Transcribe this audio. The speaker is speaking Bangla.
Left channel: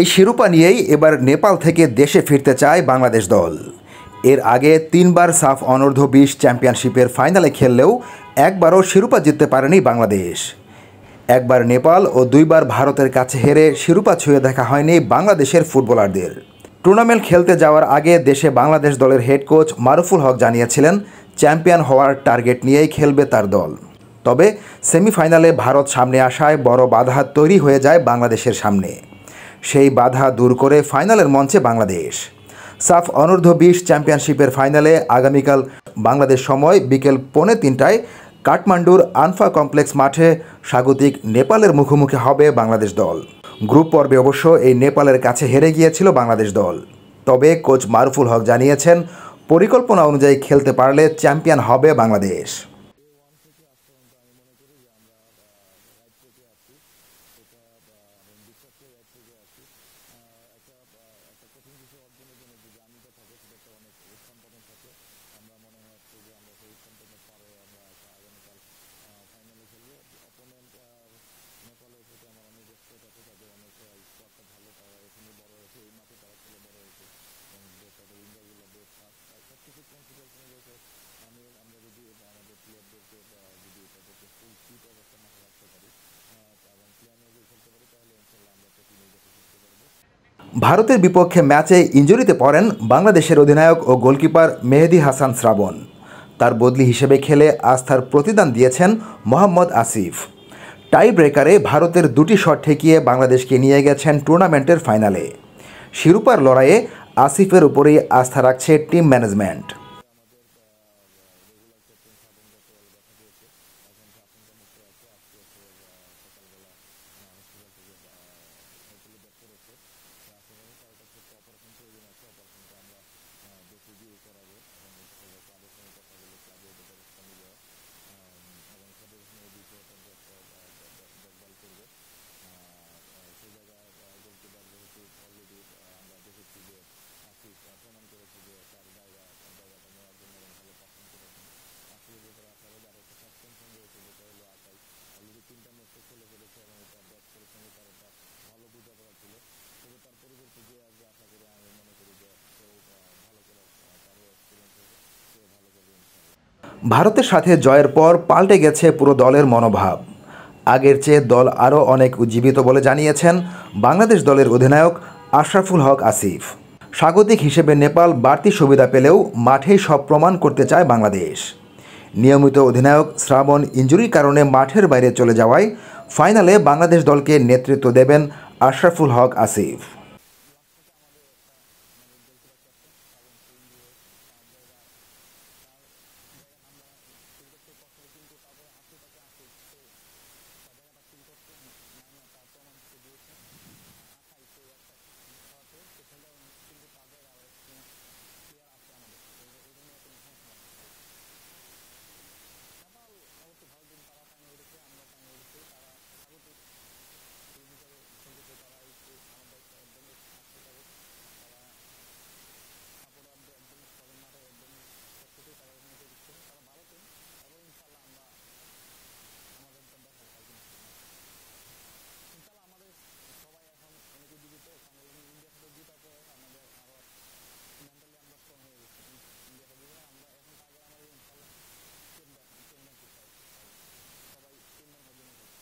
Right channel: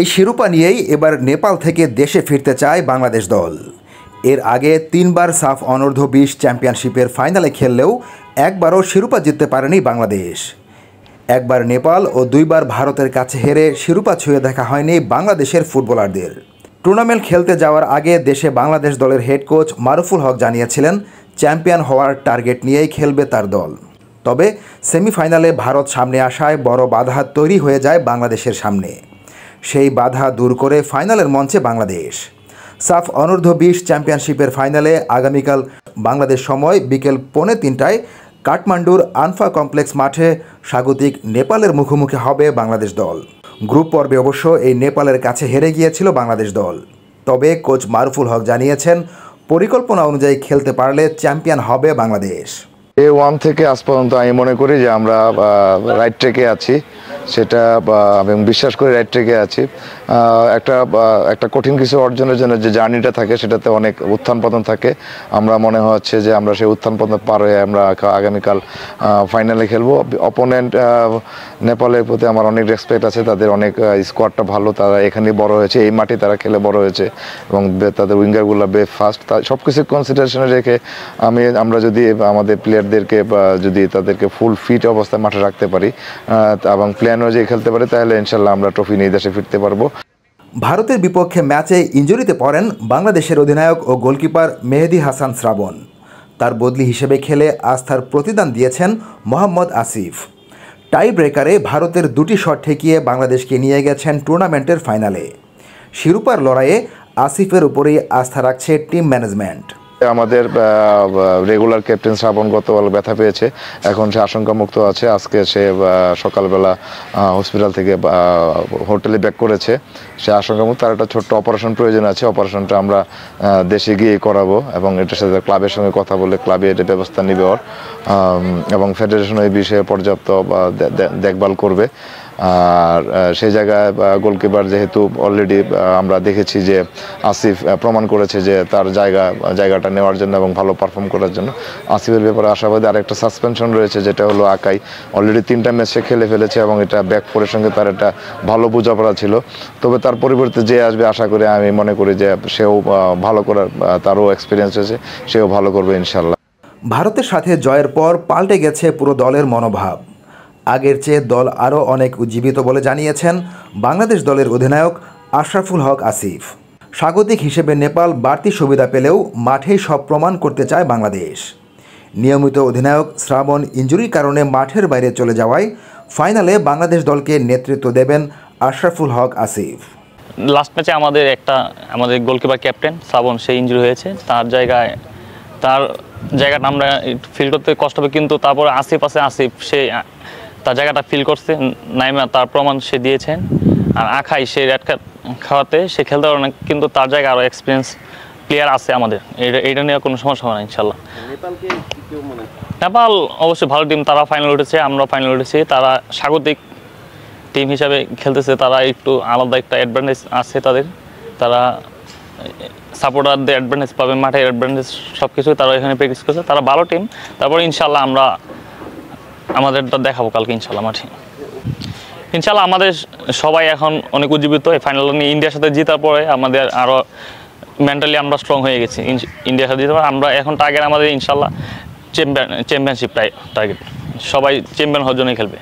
এই শিরোপা নিয়েই এবার নেপাল থেকে দেশে ফিরতে চায় বাংলাদেশ দল। এর আগে 3বার সাফ অনূর্ধ্ব-20 চ্যাম্পিয়নশিপের ফাইনালে খেললেও একবারও শিরোপা জিততে পারেনি বাংলাদেশ। একবার নেপাল ও 2বার ভারতের কাছে হেরে শিরোপা ছুঁয়ে দেখা হয়নি বাংলাদেশের ফুটবলারদের। টুর্নামেন্ট খেলতে যাওয়ার আগে দেশে বাংলাদেশ দলের হেড কোচ মারুফুল হক জানিয়েছিলেন চ্যাম্পিয়ন হওয়ার টার্গেট নিয়েই খেলবে তার দল। তবে সেমিফাইনালে ভারত সামনে আসায় বড় বাধা তৈরি হয়ে যায় বাংলাদেশের সামনে। সেই বাধা দূর করে ফাইনালের মঞ্চে বাংলাদেশ। সাফ অনূর্ধ্ব-20 চ্যাম্পিয়নশিপের ফাইনালে আগামীকাল বাংলাদেশ সময় বিকেল 2:45টায় কাঠমান্ডুর আনফা কমপ্লেক্স মাঠে স্বাগতিক নেপালের মুখোমুখি হবে বাংলাদেশ দল। গ্রুপ পর্বে অবশ্য এই নেপালের কাছে হেরে গিয়েছিল বাংলাদেশ দল। তবে কোচ মারুফুল হক জানিয়েছেন পরিকল্পনা অনুযায়ী খেলতে পারলে চ্যাম্পিয়ন হবে বাংলাদেশ। A1 থেকে আজ পর্যন্ত আমি মনে করি যে আমরা রাইট ট্র্যাকে আছি, সেটা আমি বিশ্বাস করি রাইট ট্র্যাকে আছি। একটা কঠিন কিছু অর্জনের জন্য যে জার্নিটা থাকে সেটাতে অনেক উত্থান পতন থাকে। আমরা মনে হচ্ছে যে আমরা সেই উত্থান পতন পার হয়ে আমরা আগামীকাল ফাইনালে খেলবো। অপোনেন্ট নেপালের প্রতি আমার অনেক রেসপেক্ট আছে, তাদের অনেক স্কোয়াডটা ভালো, তারা এখানে বড় হয়েছে, এই মাঠে তারা খেলে বড় হয়েছে এবং তাদের উইঙ্গারগুলো ফাস্ট। সব কিছু কনসিডারেশনে রেখে আমরা যদি আমাদের প্লেয়ারদেরকে যদি তাদেরকে ফুল ফিট অবস্থায় মাঠে রাখতে পারি এবং প্ল্যান অনুযায়ী খেলতে পারি তাহলে ইনশাল্লাহ আমরা ট্রফি নিয়ে দেশে ফিরতে পারবো। ভারতের বিপক্ষে ম্যাচে ইনজুরিতে পড়েন বাংলাদেশের অধিনায়ক ও গোলকিপার মেহেদী হাসান শ্রাবণ। তার বদলি হিসেবে খেলে আস্থার প্রতিদান দিয়েছেন মোহাম্মদ আসিফ। টাই ব্রেকারে ভারতের 2টি শট ঠেকিয়ে বাংলাদেশকে নিয়ে গেছেন টুর্নামেন্টের ফাইনালে। শিরোপার লড়াইয়ে আসিফের উপরেই আস্থা রাখছে টিম ম্যানেজমেন্ট। আমাদের রেগুলার ক্যাপ্টেন শ্রাবণ গতকাল ব্যথা পেয়েছে, এখন সে আশঙ্কামুক্ত আছে। আজকে সে সকালবেলা হসপিটাল থেকে হোটেলে ব্যাক করেছে, সে আশঙ্কামুক্ত। তার একটা ছোট্ট অপারেশন প্রয়োজন আছে, অপারেশনটা আমরা দেশে গিয়ে করাবো এবং এটার সাথে ক্লাবের সঙ্গে কথা বলে ক্লাবে এটা ব্যবস্থা নেবে এবং ফেডারেশন এই বিষয়ে পর্যাপ্ত দেখভাল করবে। আর সেই জায়গায় গোলকিপার যেহেতু অলরেডি আমরা দেখেছি যে আসিফ প্রমাণ করেছে যে তার জায়গাটা নেওয়ার জন্য এবং ভালো পারফর্ম করার জন্য আসিফের ব্যাপারে আশাবাদী। আর একটা সাসপেনশন রয়েছে যেটা হলো আকাই, অলরেডি 3টা ম্যাচে খেলে ফেলেছে এবং এটা ব্যাক ফোরের সঙ্গে তার একটা ভালো বোঝাপড়া ছিল। তবে তার পরিবর্তে যে আসবে আশা করি, আমি মনে করি যে সেও ভালো করার, তারও এক্সপিরিয়েন্স আছে, সেও ভালো করবে ইনশাল্লাহ। ভারতের সাথে জয়ের পর পাল্টে গেছে পুরো দলের মনোভাব। আগের চেয়ে দল আরও অনেক উজ্জীবিত বলে জানিয়েছেন বাংলাদেশ দলের অধিনায়ক আশরাফুল হক আসিফ। স্বাগতিক হিসেবে নেপাল বাড়তি সুবিধা পেলেও মাঠেই সব প্রমাণ করতে চায় বাংলাদেশ। নিয়মিত অধিনায়ক শ্রাবণ ইনজুরির কারণে মাঠের বাইরে চলে যাওয়ায় ফাইনালে বাংলাদেশ দলকে নেতৃত্ব দেবেন আশরাফুল হক আসিফ। লাস্ট ম্যাচে আমাদের গোলকিপার ক্যাপ্টেন শ্রাবণ সে ইনজুরি হয়েছে, তার জায়গাটা আমরা ফিল করতে কষ্ট হবে, কিন্তু তারপরে আসিফ সে তার জায়গাটা ফিল করছে, নাইমা তার প্রমাণ সে দিয়েছেন। আর আখাই সে রেড কার্ড খাওয়াতে সে খেলতে পারে না, কিন্তু তার জায়গায় আরও এক্সপিরিয়েন্স প্লেয়ার আছে আমাদের, এইটা নিয়ে কোনো সমস্যা হবে না ইনশাল্লাহ। নেপাল অবশ্যই ভালো টিম, তারা ফাইনাল উঠেছে, আমরা ফাইনাল উঠেছি, তারা স্বাগতিক টিম হিসাবে খেলতেছে, তারা একটু আলাদা একটা অ্যাডভান্টেজ আছে তাদের, তারা সাপোর্টারদের অ্যাডভান্টেজ পাবে, মাঠের অ্যাডভান্টেজ সব কিছু তারা এখানে প্র্যাকটিস করছে, তারা ভালো টিম। তারপরে ইনশাল্লাহ আমরা আমাদেরটা দেখাবো কালকে ইনশাল্লাহ মাঠে। ইনশাল্লাহ আমাদের সবাই এখন অনেক উজ্জীবিত। এই ফাইনাল নিয়ে ইন্ডিয়ার সাথে জেতার পরে আমাদের আরও মেন্টালি আমরা স্ট্রং হয়ে গেছি। ইন্ডিয়ার সাথে জিতার পরে আমরা এখন টার্গেট আমাদের ইনশাল্লাহ চ্যাম্পিয়নশিপ টার্গেট, সবাই চ্যাম্পিয়ন হওয়ার জন্যই খেলবে।